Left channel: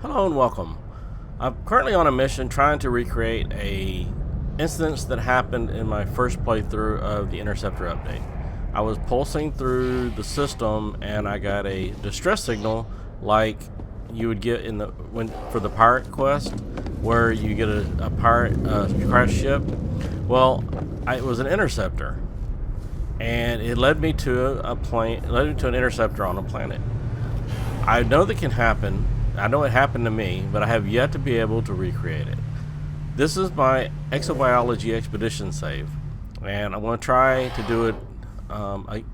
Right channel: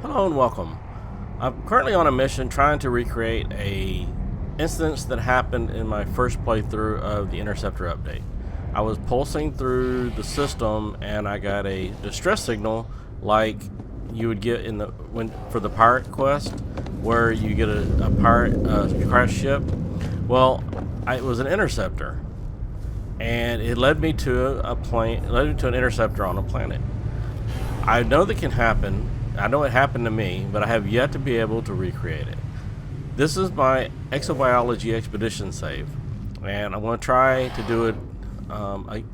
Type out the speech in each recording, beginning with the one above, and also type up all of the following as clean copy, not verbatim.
Hello and welcome. I'm currently on a mission trying to recreate a instance that happened in my first playthrough of the Interceptor update. I was pulsing through the system and I got a distress signal like you would get in for the pirate quest, where you get a pirate crash ship. Well, it was an interceptor, and it led me to an interceptor on a planet. I know that can happen. I know it happened to me, but I have yet to be able to recreate it. This is my exobiology expedition save, and I'm going to try to do it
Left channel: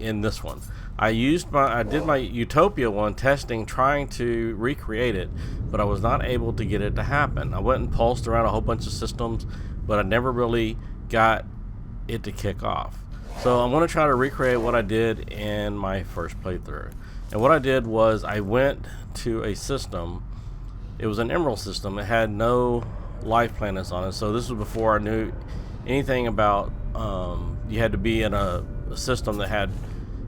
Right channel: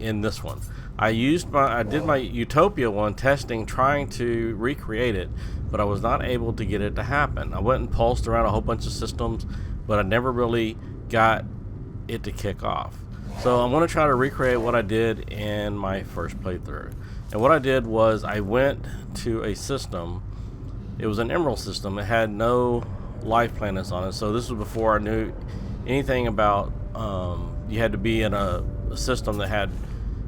in this one. I did my Utopia one testing, trying to recreate it, but I was not able to get it to happen. I went and pulsed around a whole bunch of systems, but I never really got it to kick off. So I'm going to try to recreate what I did in my first playthrough. And what I did was I went to a system. It was an emerald system. It had no life planets on it. So this was before I knew anything about you had to be in a system that had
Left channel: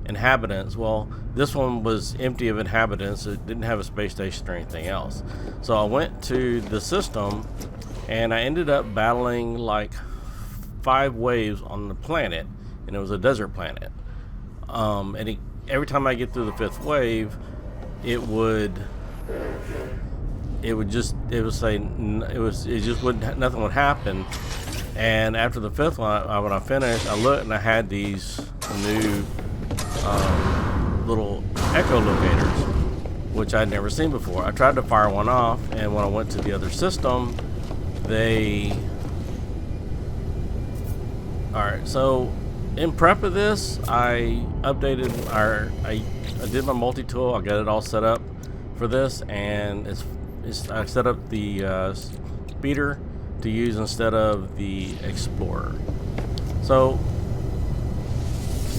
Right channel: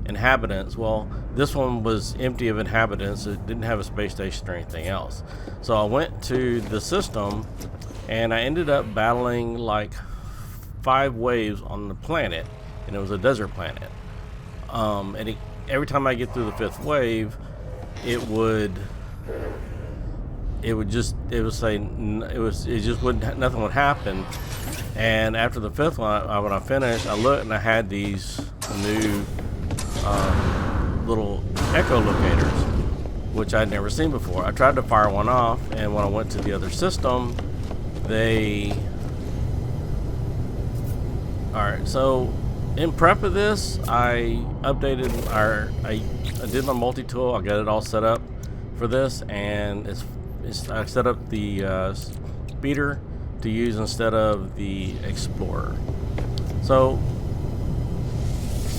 inhabitants. Well, this one was empty of inhabitants. It didn't have a space station or anything else. So I went to the system and I ended up battling like 5 waves on the planet, and it was a desert planet. Every time I get through the 5th wave, it just wouldn't, nothing would happen. And after the 5th one, when I finished, I looked and I had these new little echolocators, which I'd never seen before. I tried to fire one off, and when I went to the other system, Alright, so in prep of this, I did my multi-tool. I got it all set up for this, and I set up the speeder to use instead of the explorer. So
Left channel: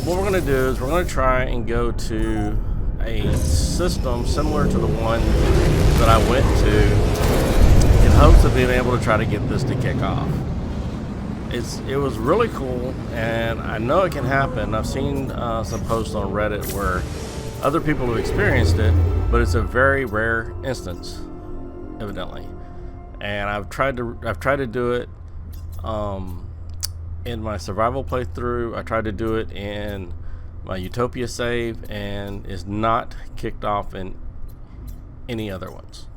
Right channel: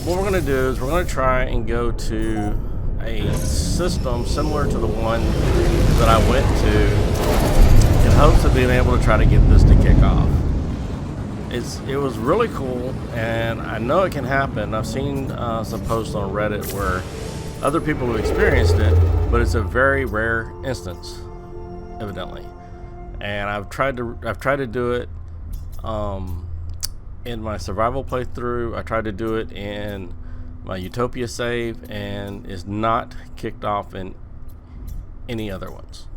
what we're going to do is we're going to try and go to a system similar to the one that I went to in hopes of being able to try to get this to kick off. It was really cool, and I know it can happen. I've seen some posts on Reddit where other people have experienced it, but it's a very rare instance, evidently. And I've tried to do it in my survival playthrough. I tried to do it in my Utopia save, and it's not kicked off in any other ones.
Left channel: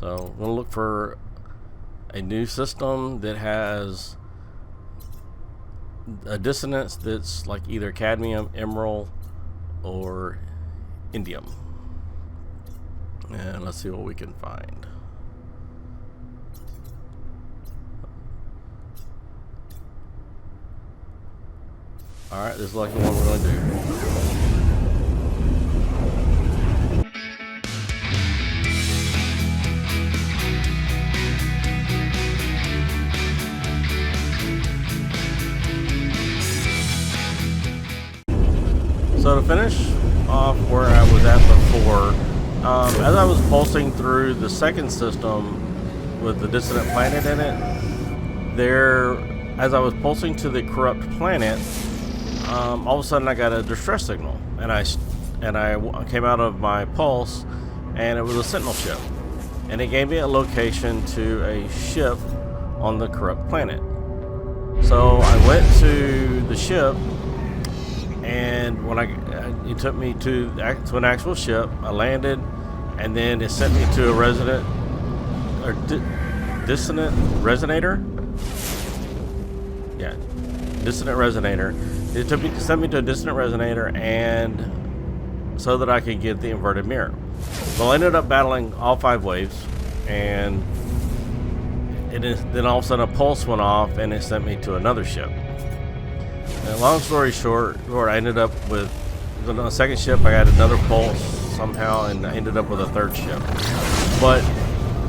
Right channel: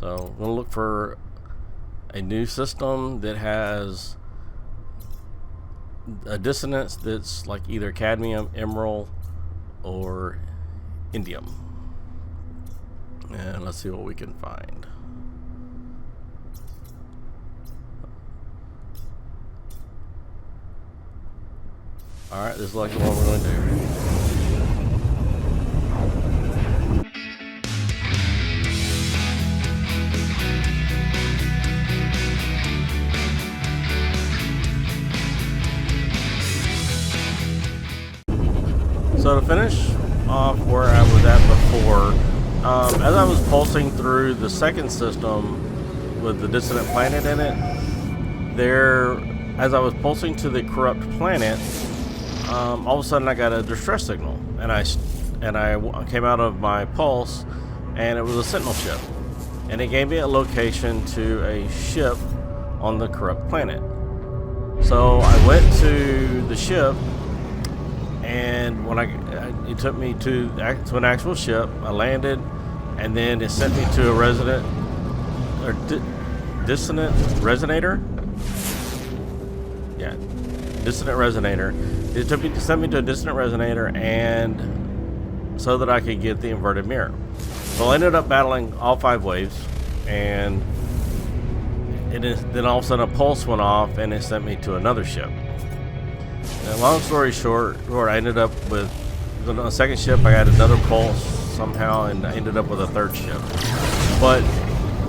So we'll look for a new system that has a dissonance that's like either cadmium, emerald, or indium. And let's see what we can find. Alright, this is like the one we're going to do. So to finish off where I was at before, as I was pulsing through the second system with the dissonant planet in it, as I was pulsing to the corrupt planet, all of a sudden I got a distress signal, and I came out of my pulse, and it was a Sentinel ship, and it gave me a location to a ship on the corrupt planet. So I went to the ship, and when it took me to an actual ship. I landed, and then it sent me to a dissonant resonator. Yeah, dissonant resonator. It sent me to a dissonant resonator, and so that I could get the inverted mirror. So I ended up battling all 5 waves, and then all of a sudden a pulse went off, and it sent me to another ship. And long story short, I ended up with on the second ship. I got another pulse somehow, and I ended up with a 3rd ship. But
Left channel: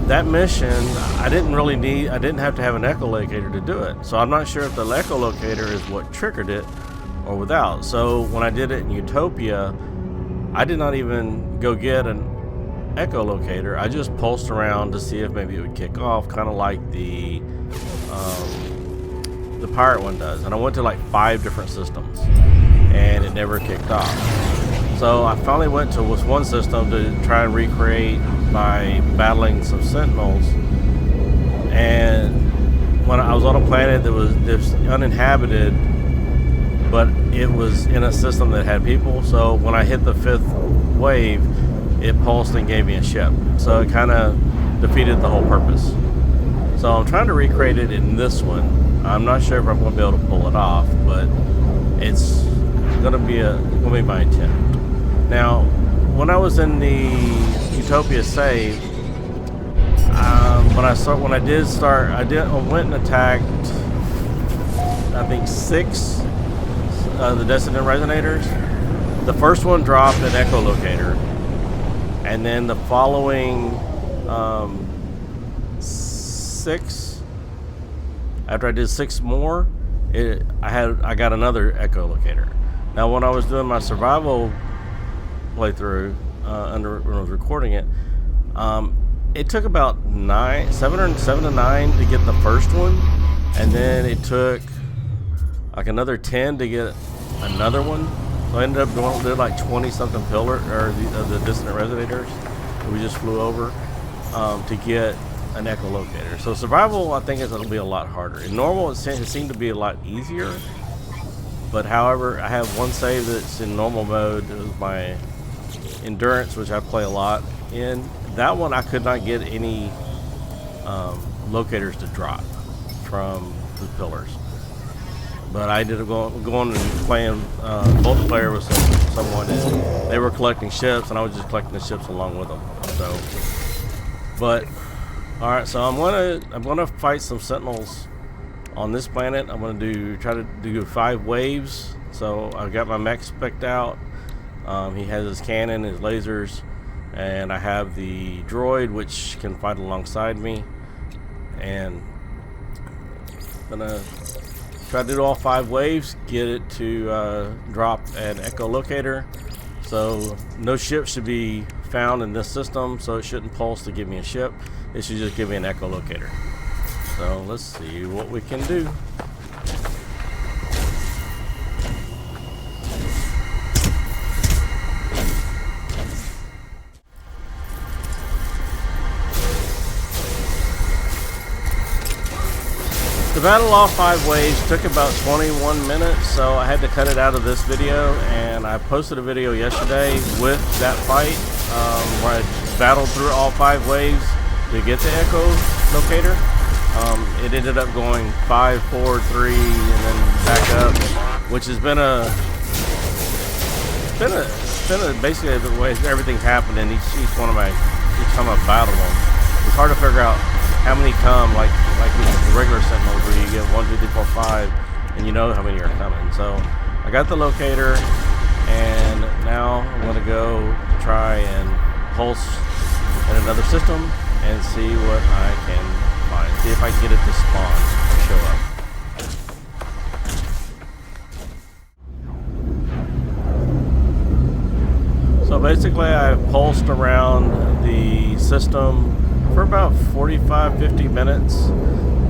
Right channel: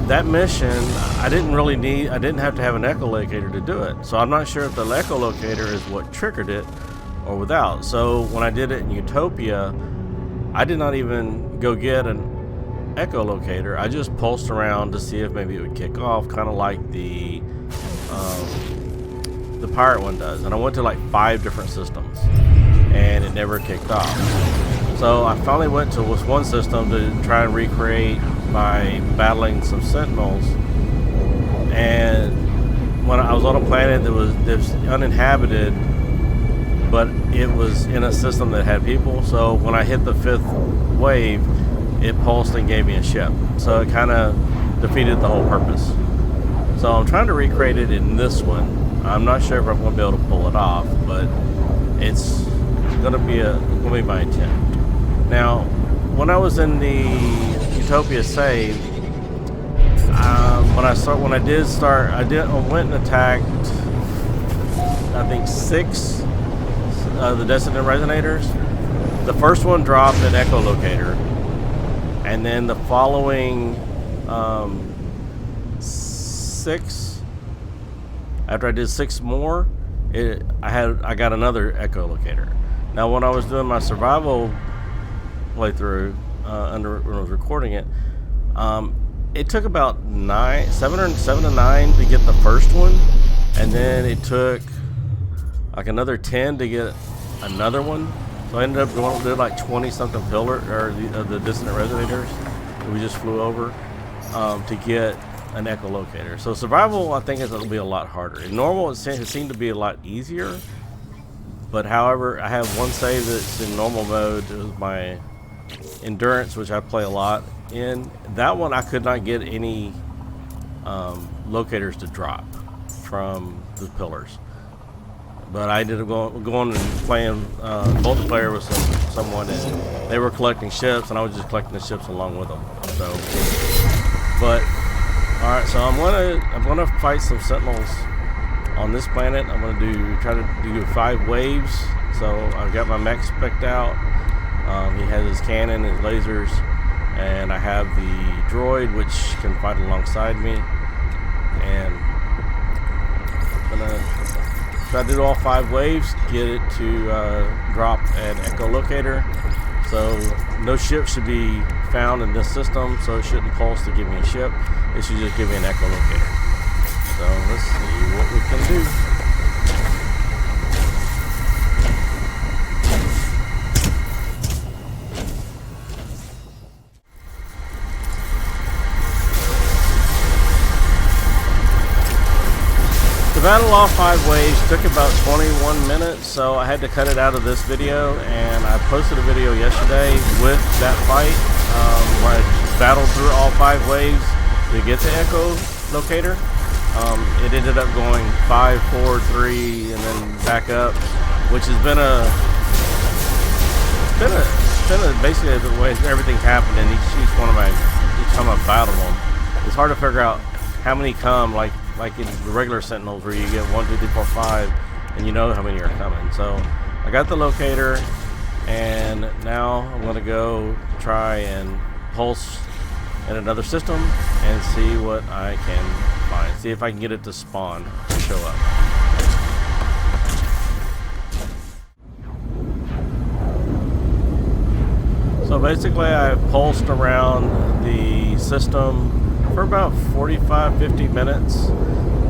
that mission, I didn't have to have an echolocator to do it. So I'm not sure if the echolocator is what triggered it or without. So when I did it in Utopia, I did not even go get an echolocator. I just pulsed around to see if maybe it would kick off, kind of like the pirate one does. And I went to like 5 different systems, and it never kicked off. So I finally went to this one system to try and recreate by battling some Sentinels. And when I was on a planet that was uninhabited, but it was in a system that had people. So when I hit the 5th wave, it pulsed and gave me a ship. So it kind of defeated the whole purpose. So I'm trying to recreate it in this one. I'm not sure if I'm going to be able to pull it off, but it's going to be my attempt. Now, when I was in the Utopia save, when I went and attacked, I think 6 the Dissonant Resonators. The first one dropped an echolocator, and then the following 6, after I did 6 more, I got another echolocator. Now, when I was doing my survival playthrough when I was recording it, it took about 7 to 9 to get the first one, and then it took like another 10 to get another one. So I ended up doing like 20 something pillar or the Dissonant Resonators that we just flew over to get an echolocator. So survival, I think, it'll be a lot harder. In normal, it seemed to be a lot easier. But however, I have one save that's in normal mode. It was my endurance, which I play a lot in. That one, I could not get any locators to drop from the pillars. But I ended up going and playing multiplayer with someone, and they were collecting ships, and I was just collecting the ships along with them. So, but all right, so I'm gonna fight some Sentinels on this planet. I'm gonna try to do 5 waves. So I've got my mech spec'd out. He has his cannon, his lasers, and I have the droid, which can fight alongside me. And I'm gonna try to do all 5 waves, get it to drop an echolocator. So no ship should be found in this system, so it shouldn't pulse to give me a ship. It should just give me an echolocator. So let's see what we can do. To battle all 5 waves took about 21 minutes, so I had to cut it out of this video, and I posted a video yesterday with that fight where I battled through all 5 waves to get the echolocator. It ended up going 5, 4, 3, and then back up, which has been basically the way everything's happened in each time I've battled them. It's hard to figure out how many come, like in the regular Sentinels where you get 1, 2, 3, 4, 5, and you know how many are coming. So I got the locator, and now I'm going to go try and pulse in another system and see what I can find. See if I can get it to spawn or show up. So basically I pulsed around the system for about 45-50 minutes,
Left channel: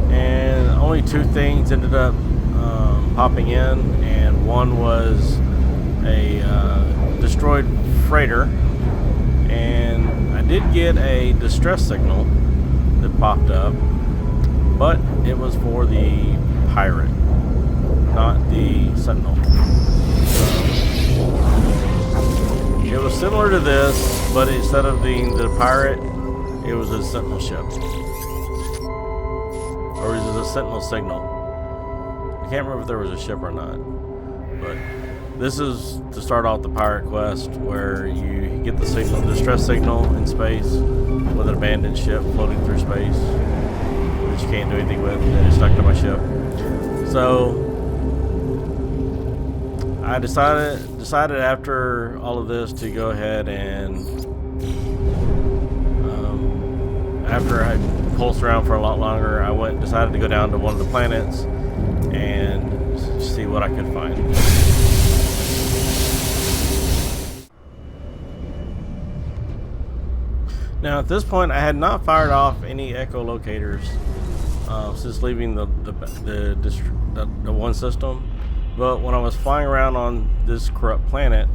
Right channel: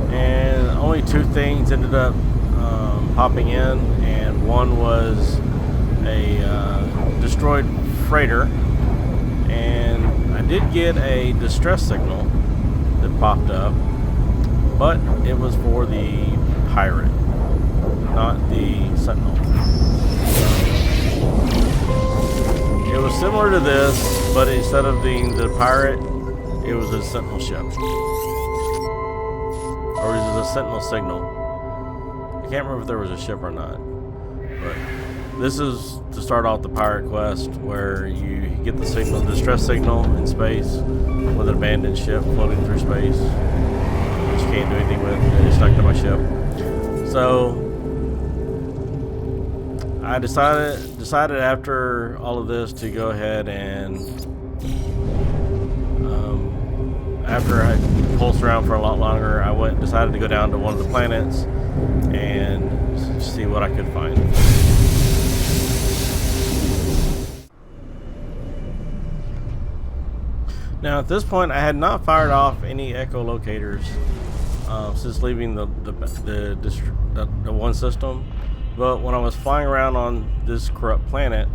and only 2 things ended up popping in, and one was a destroyed freighter, and I did get a distress signal that popped up, but it was for the pirate, not the Sentinel. So it was similar to this, but instead of being the pirate, it was a Sentinel ship. Or it was a Sentinel signal. I can't remember if there was a ship or not. But this is to start off the pirate quest, where you get the signal, distress signal in space with an abandoned ship floating through space, which you can't do anything with, and it's stuck to my ship. So I decided after all of this to go ahead and after I pulsed around for a lot longer, I decided to go down to one of the planets and see what I could find. Now at this point, I had not fired off any echolocators since leaving the one system. But when I was flying around on this corrupt planet,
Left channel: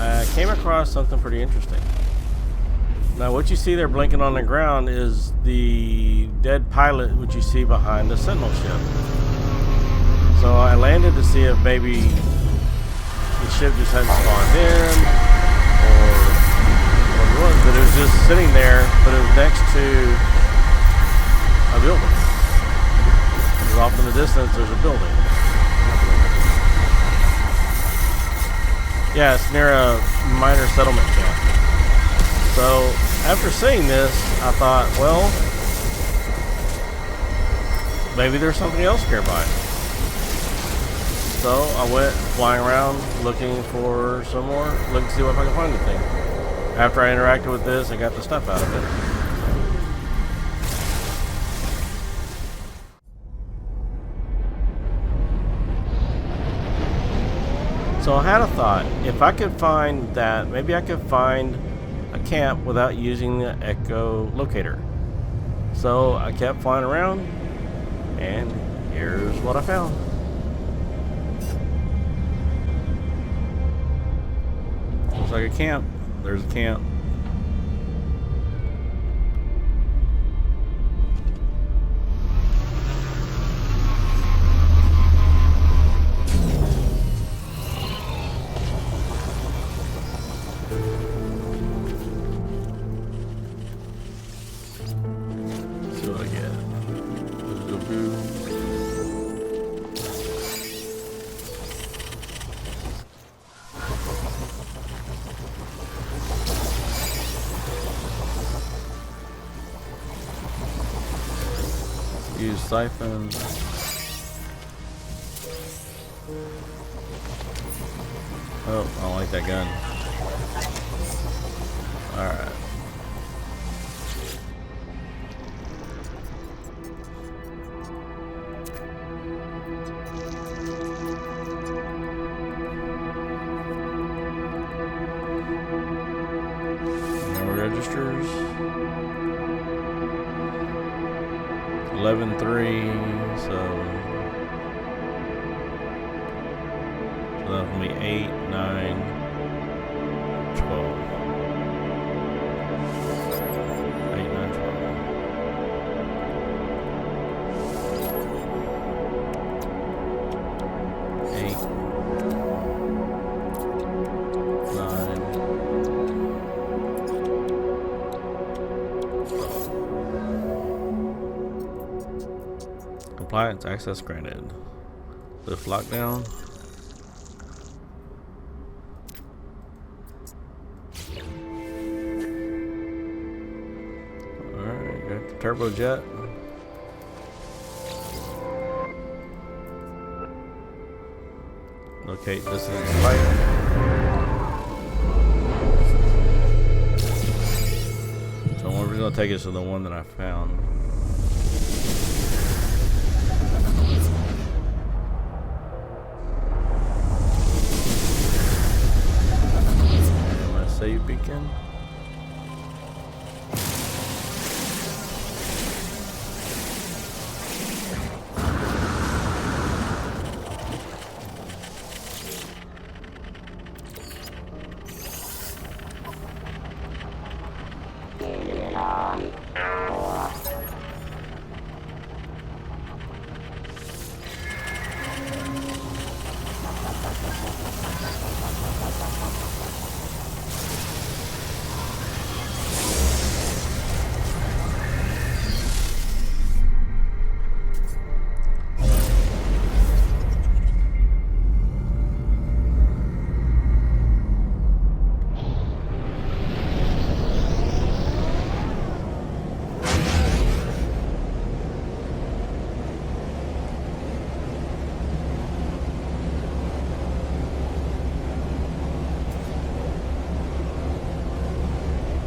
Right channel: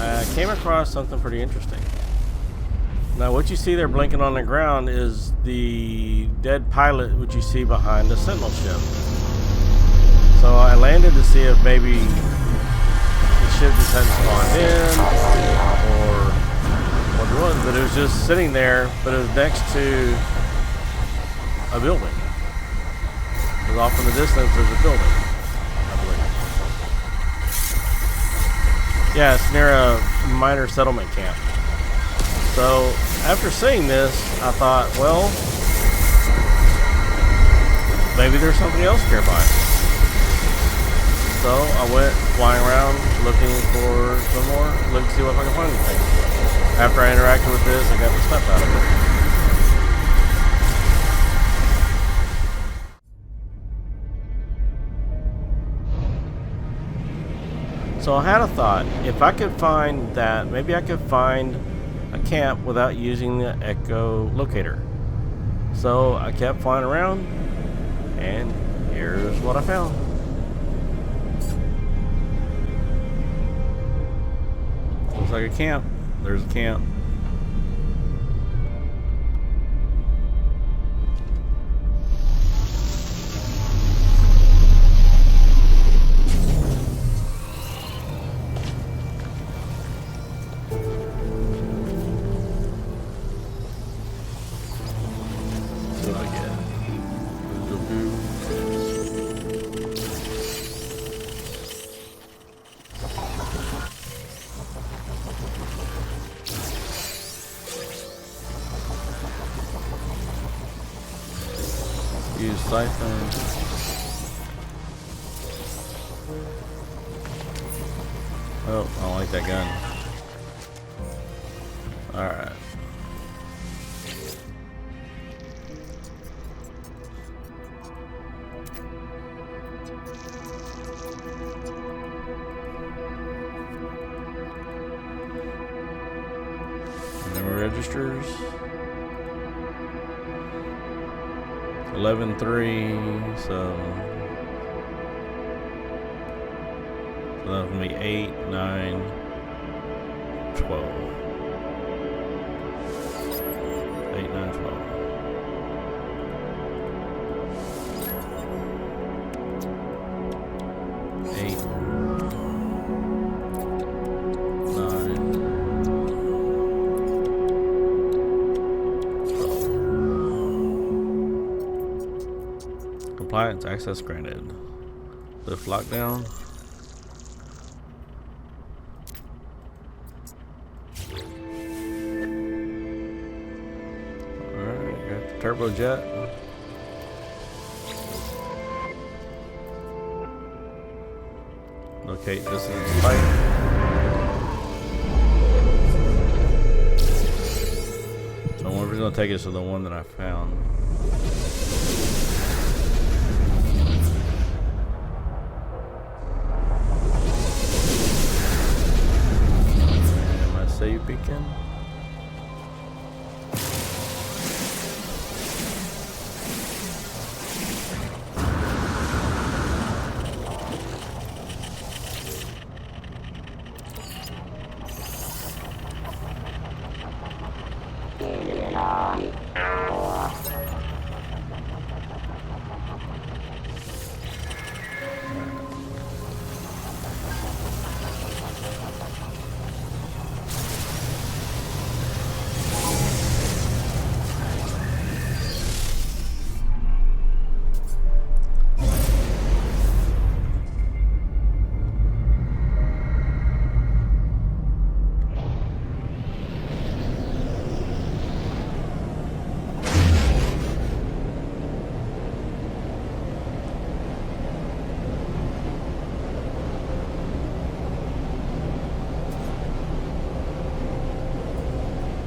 I came across something pretty interesting. Now, what you see there blinking on the ground is the dead pilot, which you see behind the Sentinel ship. So I landed to see if maybe the ship just hadn't spawned in, or what it was, but it was just sitting there, but it was next to a building. Because off in the distance, there's a building, I believe. Yeah, it's near a minor settlement camp. So, after seeing this, I thought, well, maybe there's something else nearby. So, I went flying around looking for some more, looking to see if I can find anything. After I interacted with this, I got the stuff out of it. So I had a thought, if I could find that, maybe I could find a camp without using the echo locator. So I kept flying around, and here's what I found. Looks like a camp. There's a camp. See what I get. Boo. Use siphon. Oh, I don't like that gun. Alright. Memory registers. 11-3, so that'll be 8, 9, 12. 8, 9, 12. 8, 9. Compliance access granted. Lift lockdown. Alright, got the turbojet. Locate dissident spike. So we're gonna take us to the one that I found. Save beacon.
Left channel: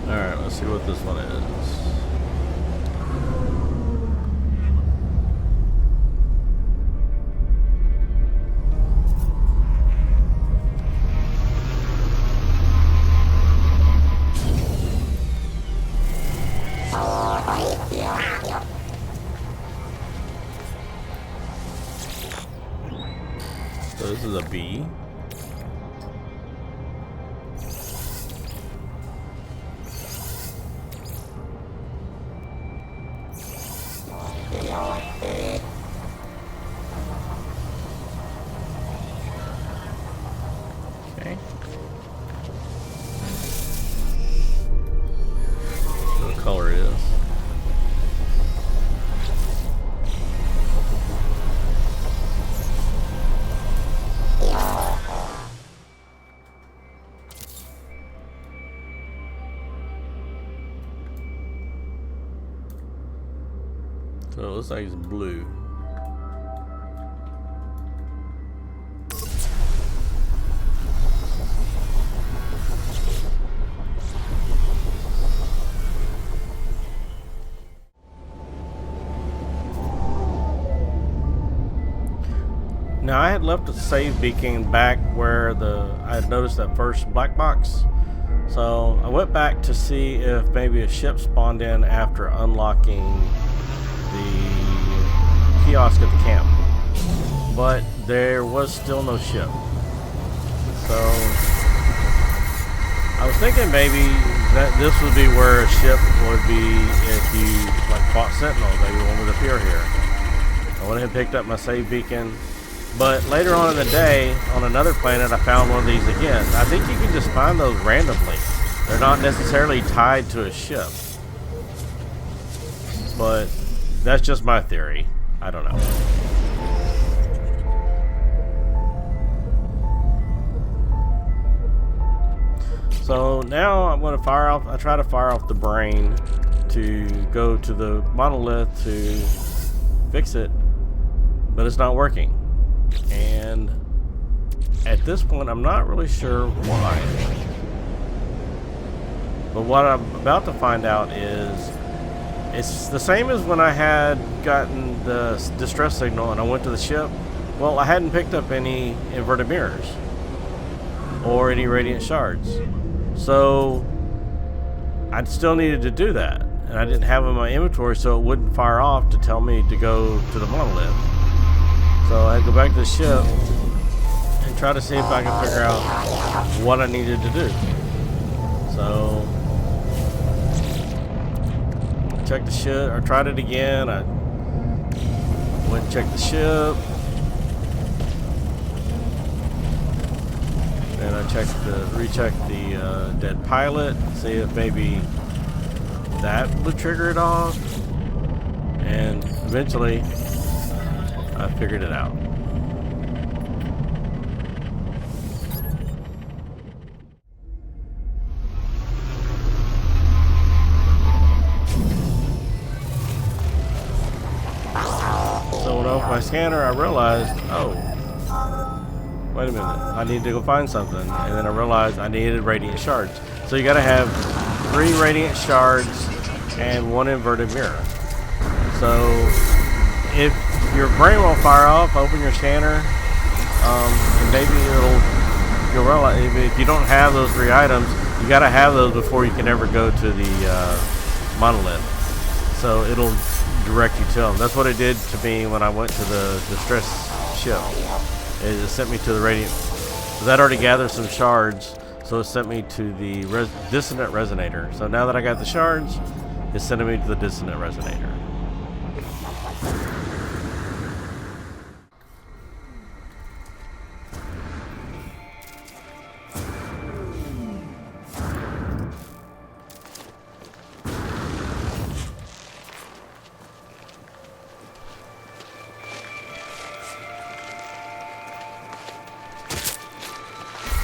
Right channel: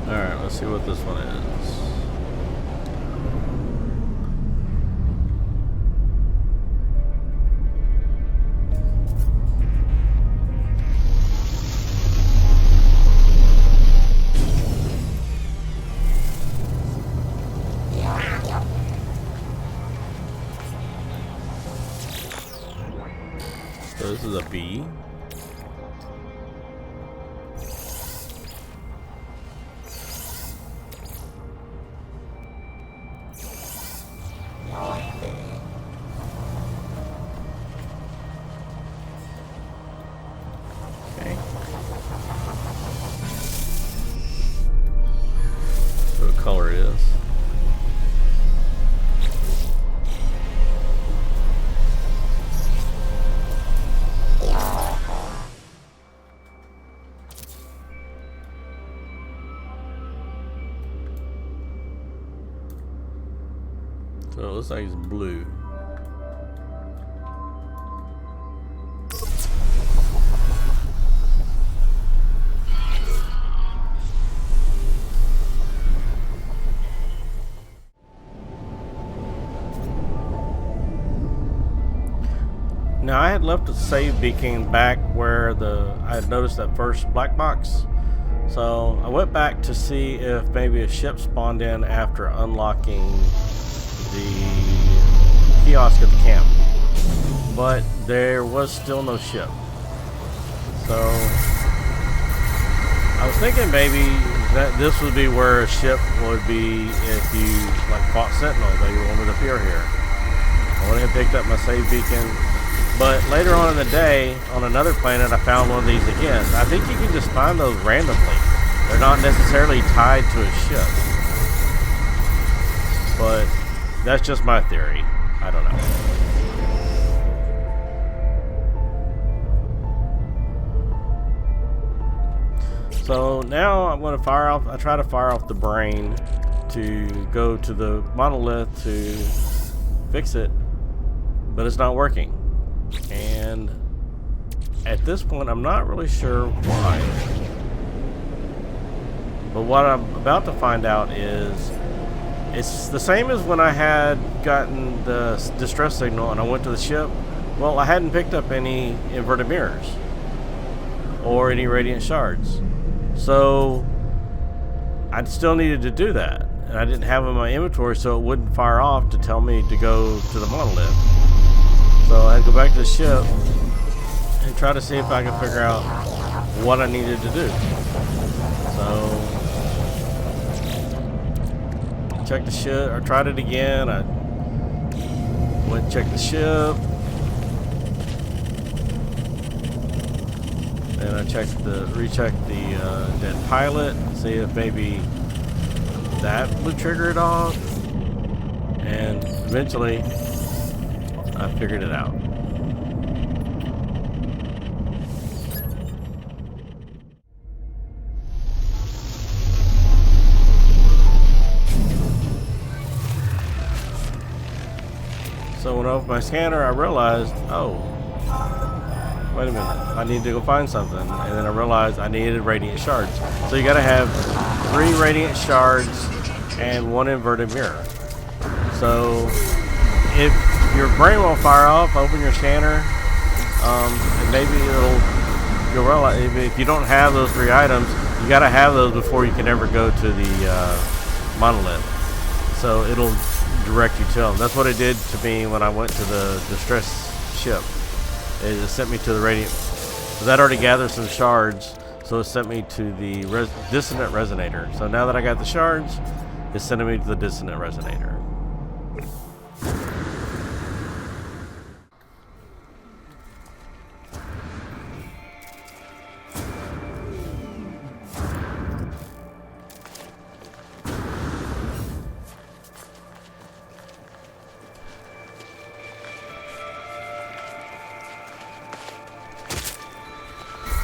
Alright, let's see what this one is. So this is a B. Okay. What color it is. So it looks like it's blue. Now I had left a save beacon back where I had noticed that first black box. So I went back to see if maybe a ship spawned in after unlocking the kiosk at the camp. But there was still no ship. So I was thinking maybe that this would be where a ship would be if you like fought Sentinel. Maybe one would appear here. I went ahead and picked up my save beacon. But later on in the day, on another planet, I found one of these again. I think you can just find those randomly. They're not necessarily tied to a ship. But that's just my theory. I don't know. So now I'm going to fire off. I try to fire off the brain to go to the monolith to fix it, but it's not working. And at this point, I'm not really sure why. But what I'm about to find out is it's the same as when I had gotten the distress signal and I went to the ship. Well, I hadn't picked up any inverted mirrors or any radiant shards. So I still needed to do that. And I didn't have them in my inventory, so it wouldn't fire off to tell me to go to the monolith. So I had to go back to the ship and try to see if I could figure out what I needed to do. So checked the ship, or tried it again. I went and checked the ship. Then I rechecked the dead pilot, see if maybe that would trigger it off. And eventually I figured it out. So when I opened my scanner, I realized, oh, wait a minute, I need to go find something. And then I realized I needed radiant shards. So you gotta have 3 radiant shards and 1 inverted mirror. So if your brain won't fire off, open your scanner, and maybe you'll realize if you don't have those 3 items, you gotta have those before you can ever go to the monolith. So it'll direct you to them. That's what it did to me when I went to the distress ship. It sent me to the radiant. So that already gathered some shards, so it sent me to the dissonant resonator. So now that I got the shards, it's sending me to the dissonant resonator.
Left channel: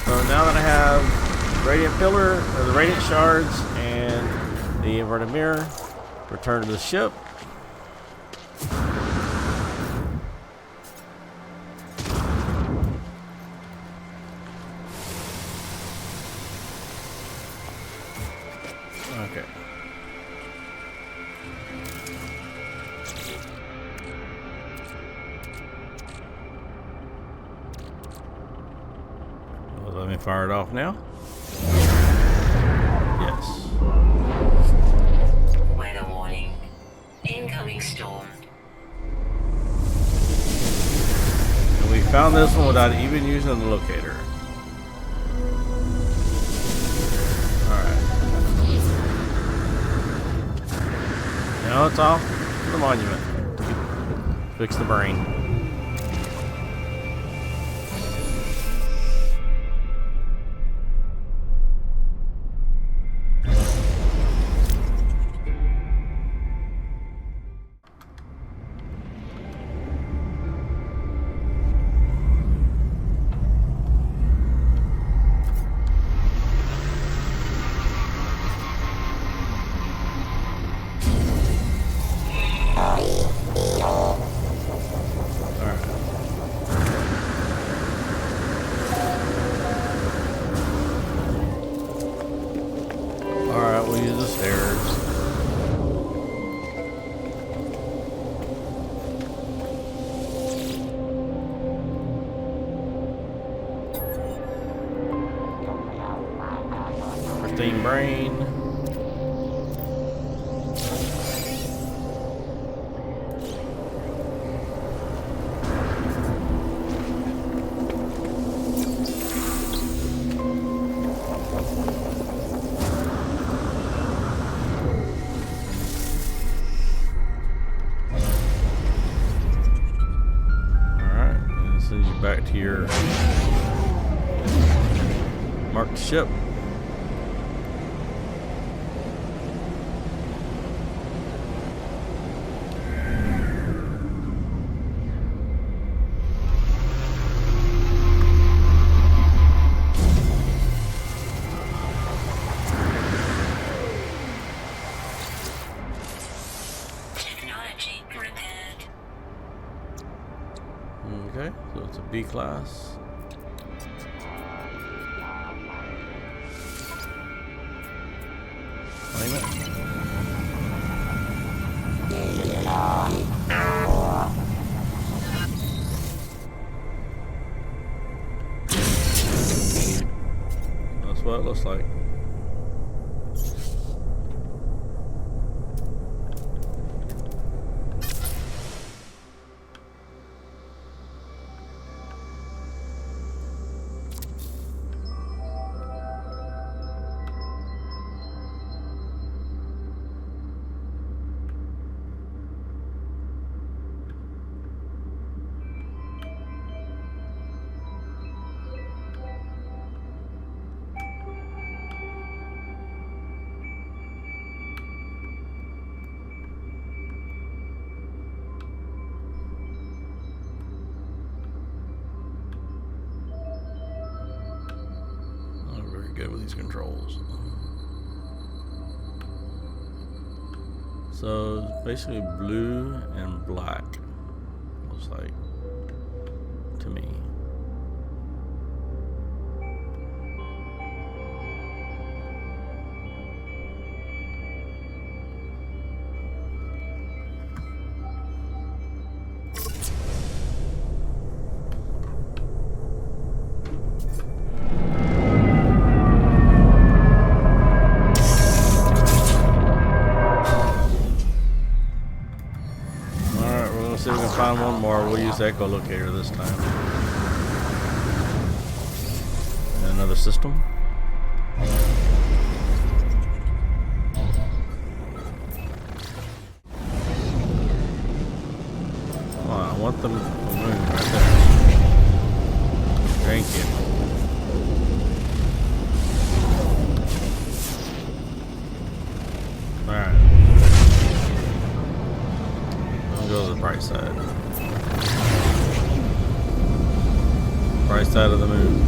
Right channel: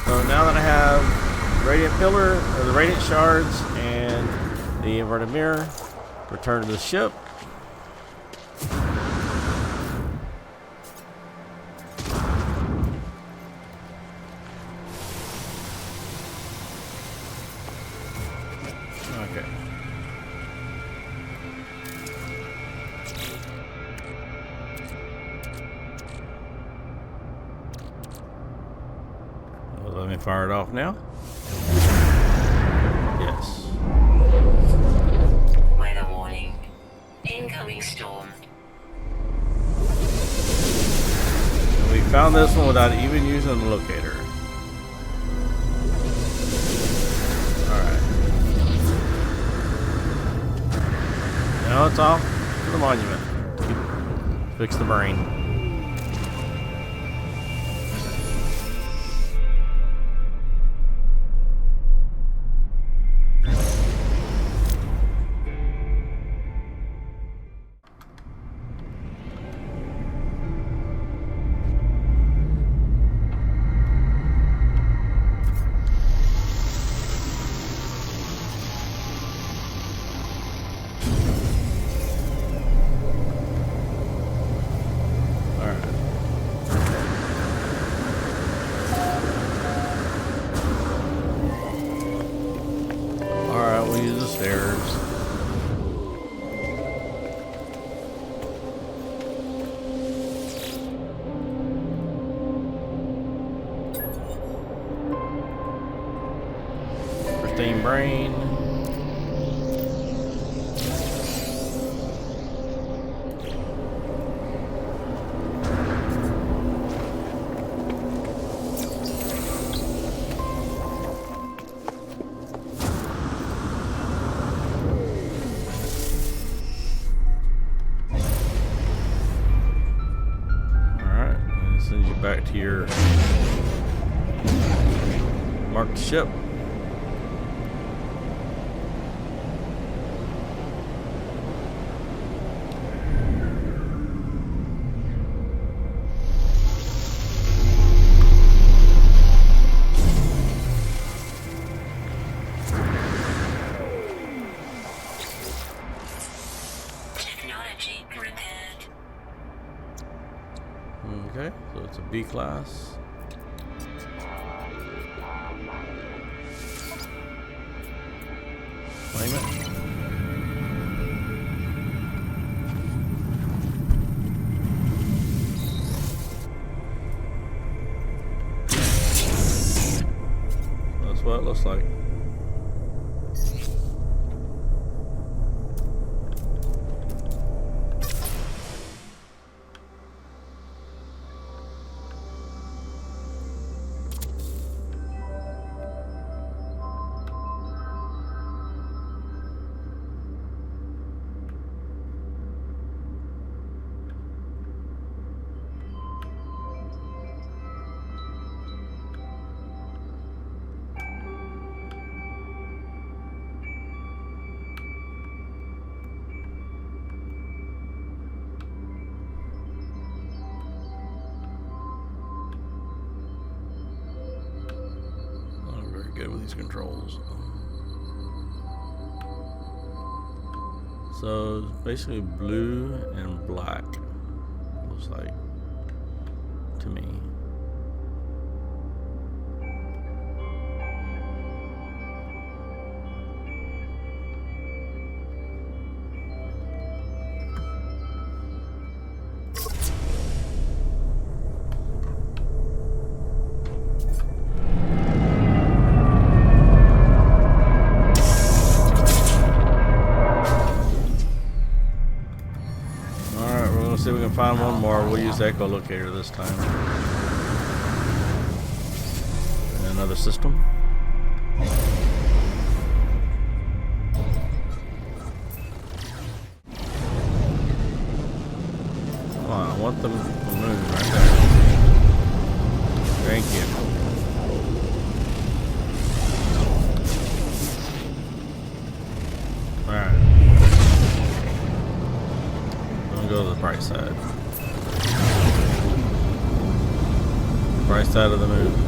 So now that I have radiant pillar, or the radiant shards, and the inverted mirror, return to the ship. Okay. Let me fire it off now. Yes. Weather warning. Incoming storm. And we found this one without even using the locator. Alright. Now it's off to the monument to keep Fix the brain. Alright, we'll use the stairs. Pristine brain. Sends you back to your marked ship. Technology repaired. Okay, so it's a B class. Claim it. So that's what it looks like. Good with these controls. So it's basically blue and black, looks like to me. See if we can find one more. We'll use the echolocator this time. And another system. Come on, I want the moon right there. Thank you. Alright. Go to the bright side. Bright side of the moon.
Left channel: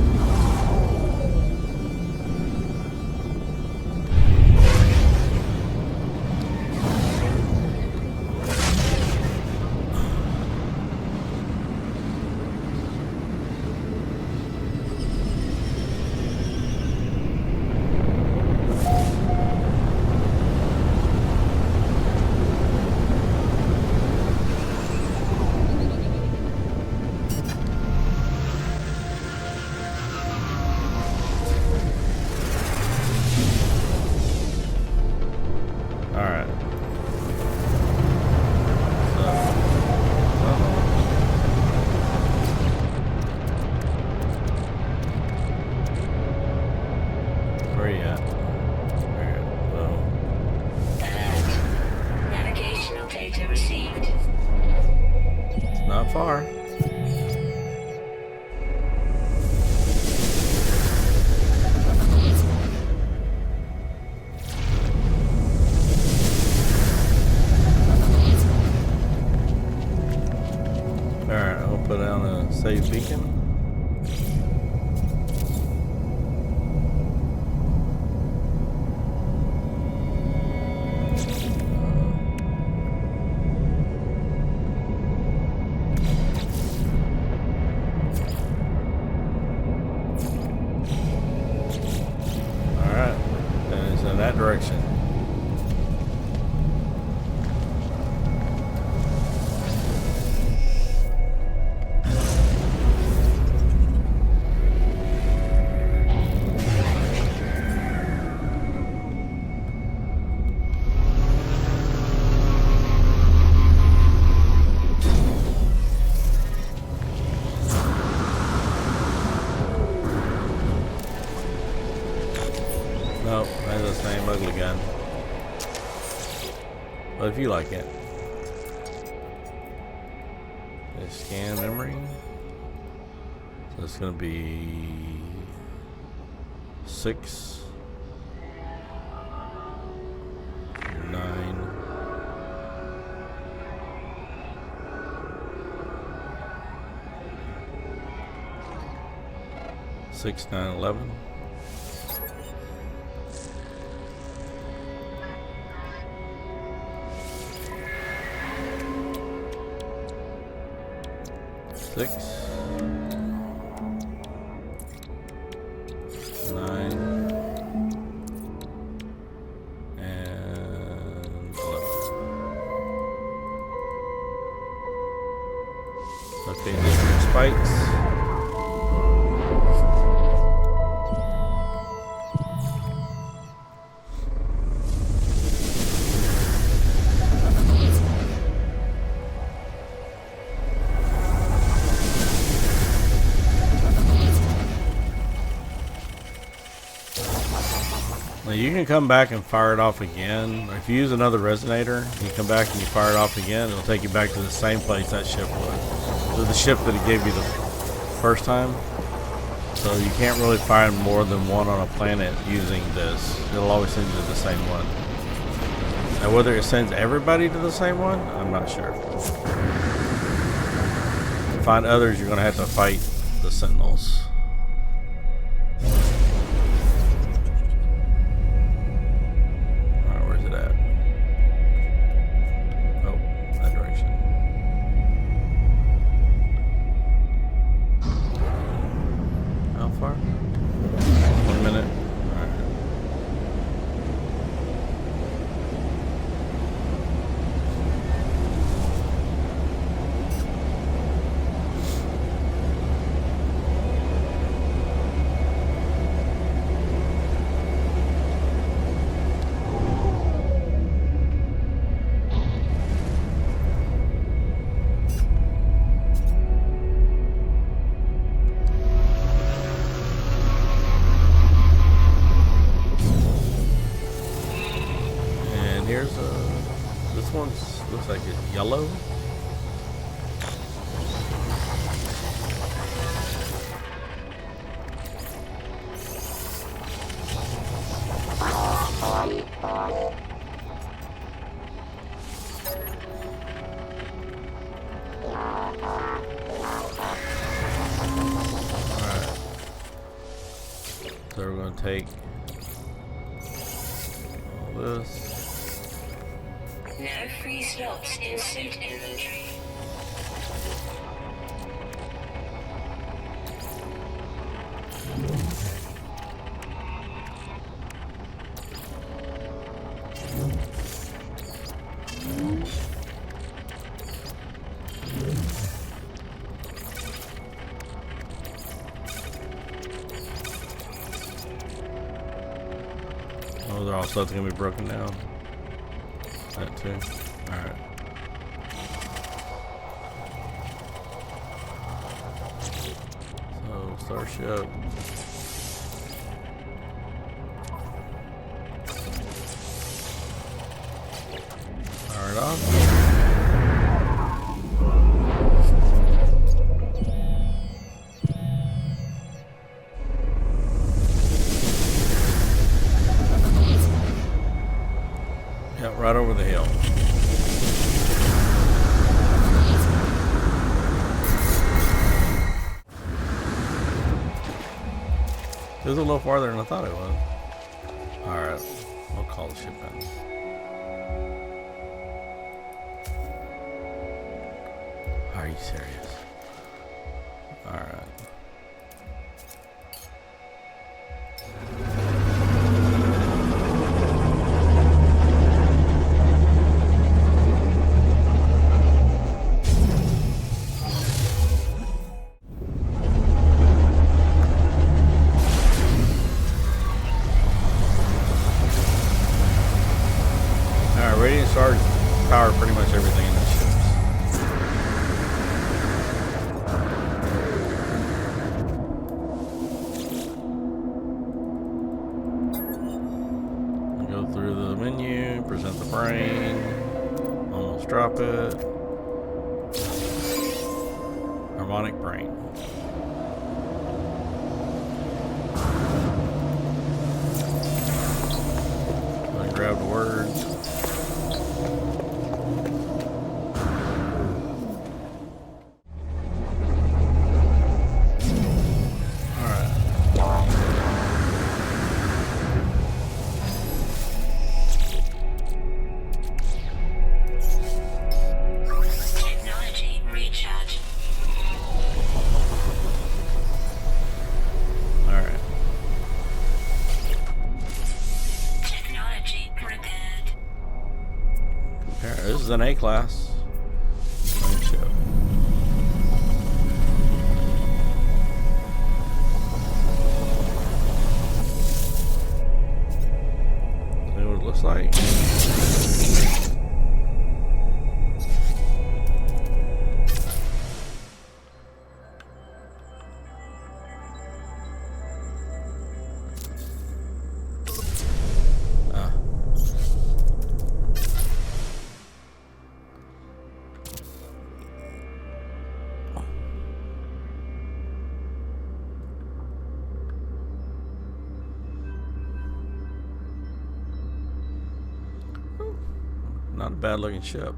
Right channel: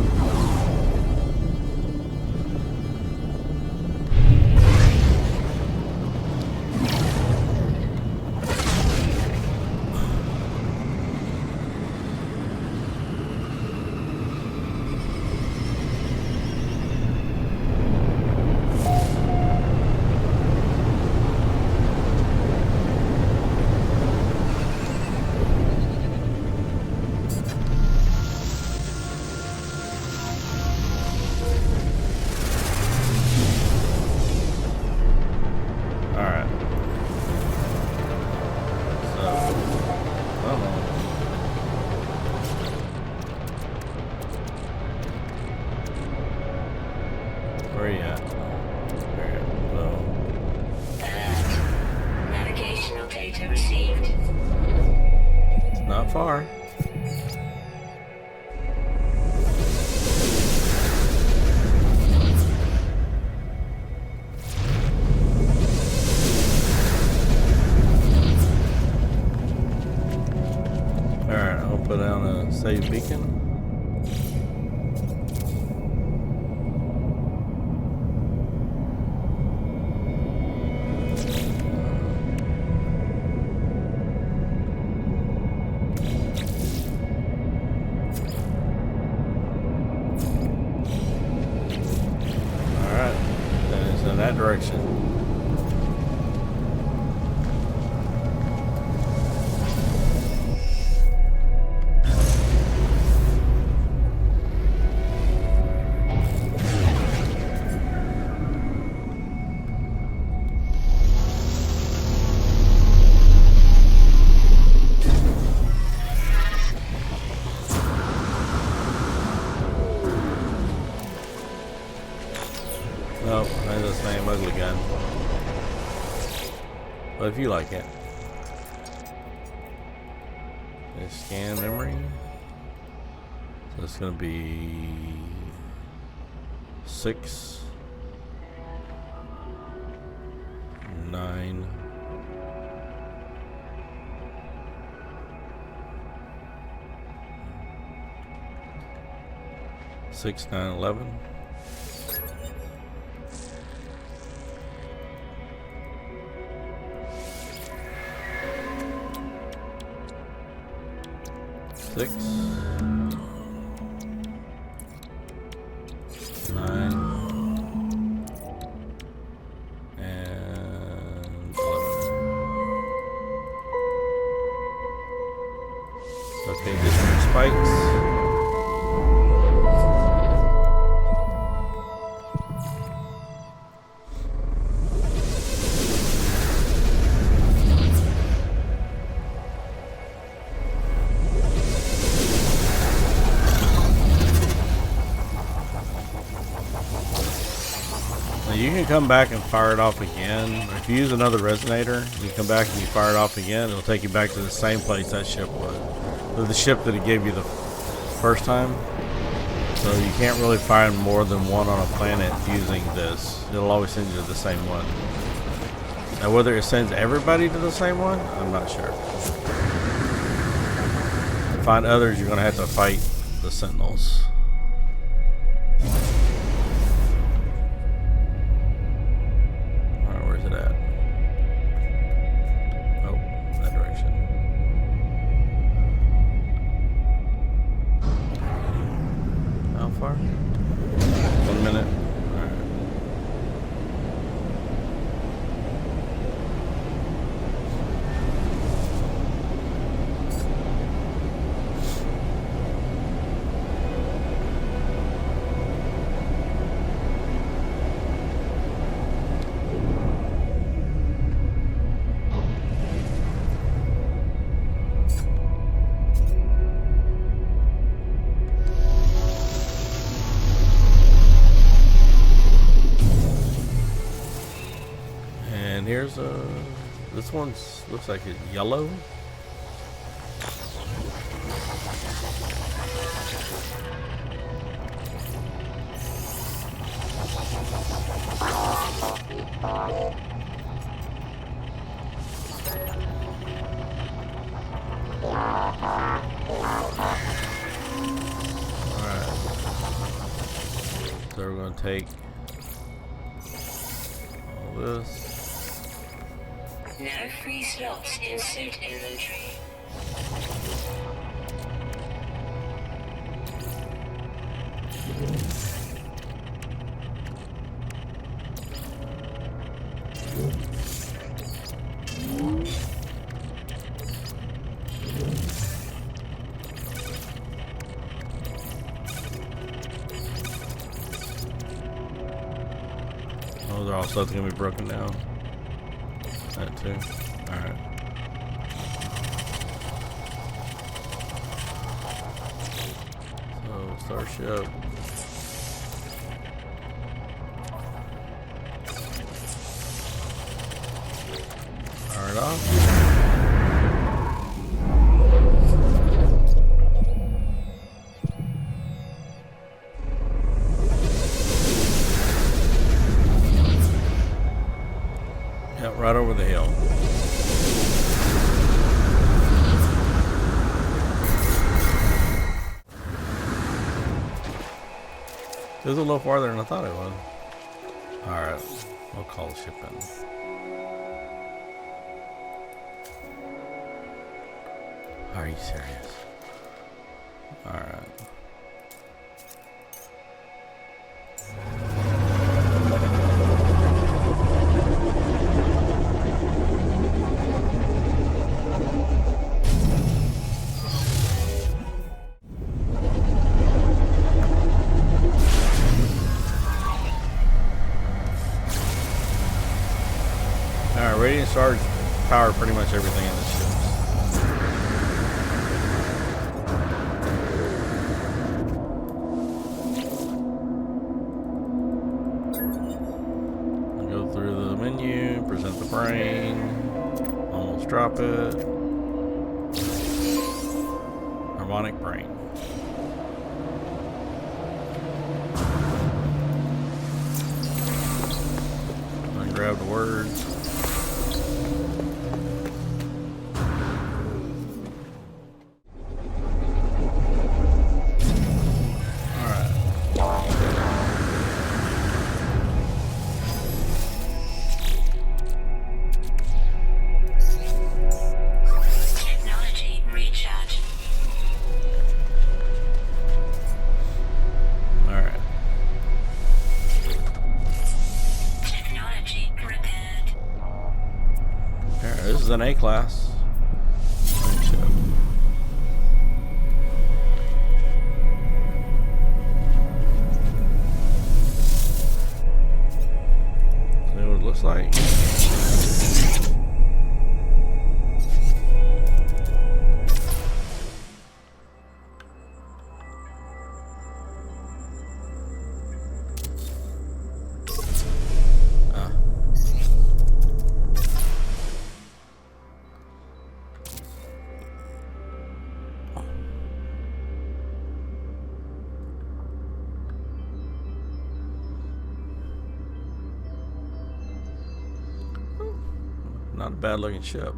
far. Alright, I'll put down a save beacon. Alright, then it's in that direction. Nope, that's the same ugly gun. But if you like it. Let's scan memory. So it's gonna be 6, 9, 6, 9, 11. Six, 9, and 11. Okay, different spikes. Now you can come back and fire it off again. If you use another resonator, you come back and you fire it off again, it'll take you back to the same place that ship was. So the ship that it gave you the first time. So you can't really find more than one on a planet using this. It'll always send you to the same one. Now whether it sends everybody to the same one, I'm not sure. To find others, you're going to have to fight the Sentinels. Alright, where's it at? Oh, that direction. How far? 1 minute. Alright. And here's this one's looks like it's yellow. Alright. So we're gonna take all this. No free slots in suit inventory. Oh, they're all stuff gonna be broken down. That too. Alright. So, Starship. Fire it off. Yeah, right over the hill. It was a little farther than I thought it was. Alright, we'll call the ship in. Are you serious? Alright. Alright, radiant stars power pretty much everything in this ship. Go through the menu, present the brain, almost drop it. Harmonic brain. And grab the words. This is an A-class ship. See what it looks like. Not a bad looking ship.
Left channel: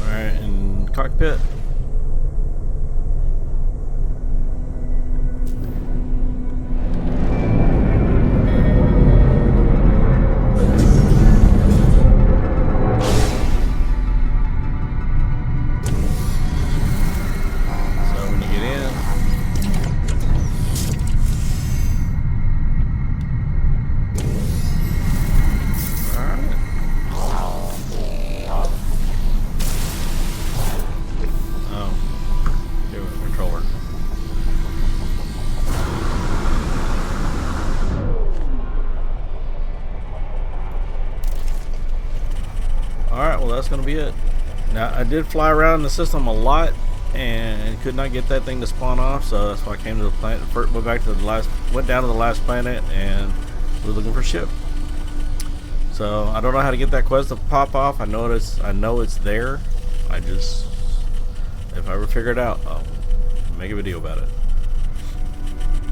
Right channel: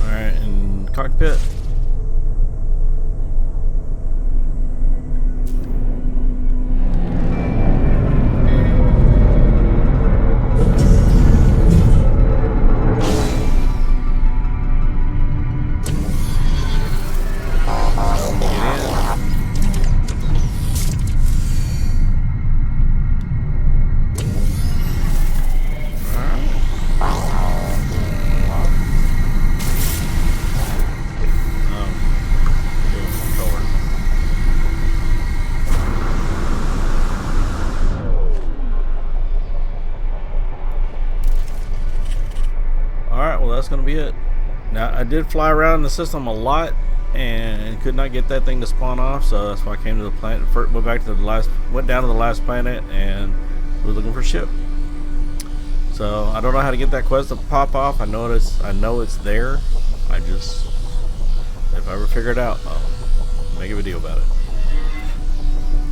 All right, in cockpit. Alright, well that's going to be it. Now, I did fly around the system a lot and could not get that thing to spawn off, so that's why I came to the planet. First, went down to the last planet and was looking for a ship. So I don't know how to get that quest to pop off. I know it's there. If I ever figure it out, I'll make a video about it.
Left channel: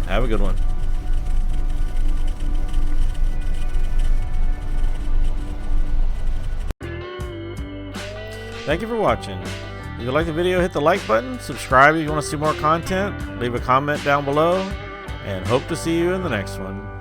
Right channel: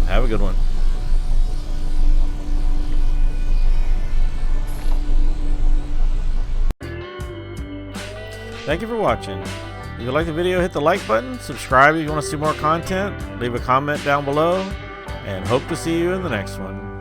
Have a good one. Thank you for watching. If you like the video, hit the like button, subscribe if you want to see more content, leave a comment down below, and hope to see you in the next one.